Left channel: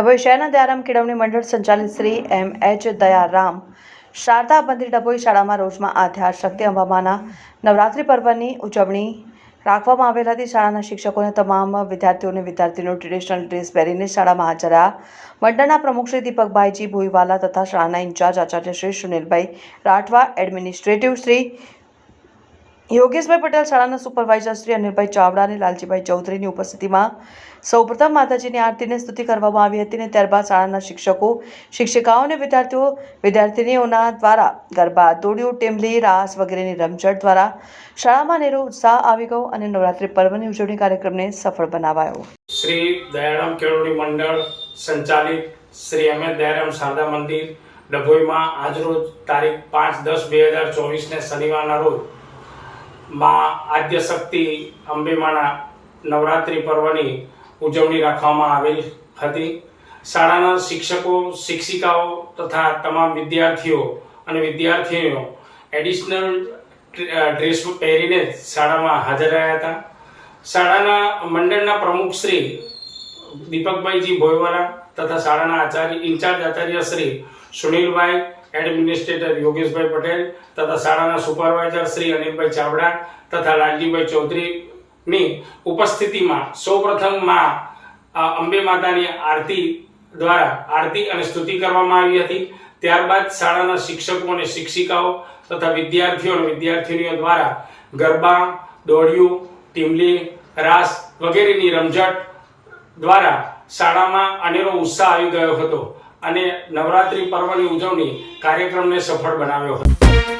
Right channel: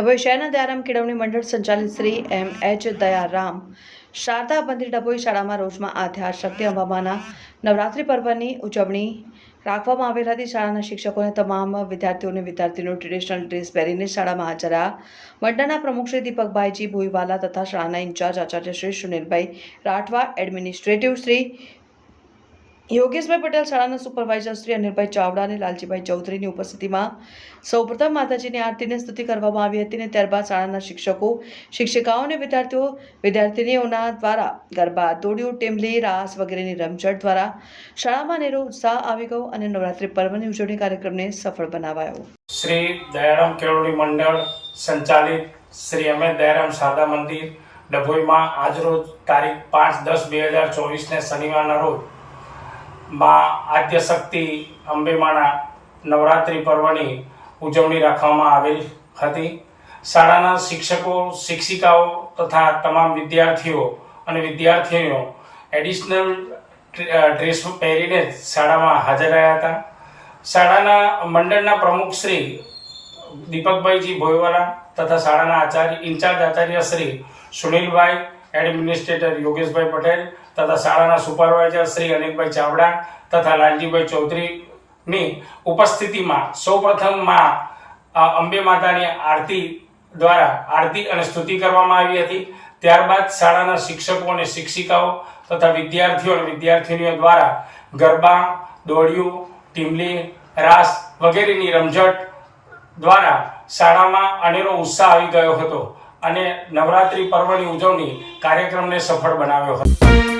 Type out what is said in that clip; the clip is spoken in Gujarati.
ડભોઈ શહેરના દયારામ કેળવણી મંડળ સંચાલિત શ્રી એમ એચ દયારામ શારદા મંદિર ડભોઈ શાળામાં રોજમાં આદ્યાશક્તિ અંબામાના નવરાત્રિ પર્વની ઉજવણી રાખવામાં આવેલ હતી. શાળાના શિક્ષકોને તમામ વિદ્યાર્થીઓને વિદ્યાર્થીનો ટ્રેડિશનલ ડ્રેસ પહેરીને શાળામાં હાજર રહ્યા. મંડળના પ્રમુખ શ્રી દીપકભાઈજી ભોઈવાલા તથા શાળાના ઇન્ચાર્જ આચાર્ય શ્રી સુનિલભાઈ રાઠવા, એડમિનિસ્ટ્રેટિવ શ્રી યોગેશભાઈ પટેલ શાળાના સુપરવાઇઝર શ્રી અનિલભાઈ ચાવડા અને લાલજીભાઈ ચૌધરીની ઉપસ્થિતિમાં સૌપ્રથમ માતાજીની આરતીને સ્તુતિ કરવામાં આવી હતી અને ત્યારબાદ શાળાના શિક્ષકો, શિક્ષિકાઓ અને વિદ્યાર્થીઓ વિદ્યાર્થિનીઓના દ્વારા ગરબા, દોડિયું, ટેમલી, રાસ વગેરેની રમઝટ દ્વારા શાળામાં નેરો ઉત્સાહ આવી ગયો અને નવરાત્રિ પર્વની ઉજવણી કાર્યક્રમને સફળ બનાવાયો. શ્રી દયારામ કેળવણી મંડળ સંચાલિત શ્રી અમે દયારામ શારદા મંદિર ડભોઈમાં આજરોજ તારીખ પાંચ દસ બે હજાર ચોવીસને શનિવારના રોજ માં આદ્ય શક્તિ અંબેમાના નવરાત્રિ પર્વની ઉજવણી રાખવામાં આવેલ હતી. શાળાના શિક્ષકો, શિક્ષિકાઓ તથા તમામ વિદ્યાર્થીઓ અને વિદ્યાર્થીઓ એડિશનલ ડ્રેસ પહેરીને શાળામાં હાજર રહ્યા હતા. શાળાના મંડળના પ્રમુખ શ્રી દીપકભાઈજી ભોયવાલા તથા શાળાના આચાર્ય, ઇન્ચાર્જ આચાર્ય શ્રી સુનિલભાઈ એડમિનિસ્ટ્રેટર યોગેશભાઈ પટેલ તથા શાળાના સુપરવાઇઝર શ્રી અનિલભાઈ ચાવડા તથા લાલજીભાઈ ચૌધરીની ઉપસ્થિતિમાં સૌપ્રથમમાં માં અંબે માતાની આરતી દ્વારા આરતી અને સ્તુતિ કરવામાં આવી હતી. ત્યારબાદ શાળાના શિક્ષકો અને શિક્ષિકાઓ તથા વિદ્યાર્થીઓ અને વિદ્યાર્થીનીઓ દ્વારા ગરબા, દોડિયું, ટીમલી, રાસ વગેરેની રમઝટ દ્વારા શાળામાં અનેરો ઉત્સાહ આવી ગયો હતો. અને નવરાત્રિ પર્વની ઉજવણી કાર્યક્રમને સફળ બનાવ્યો હતો.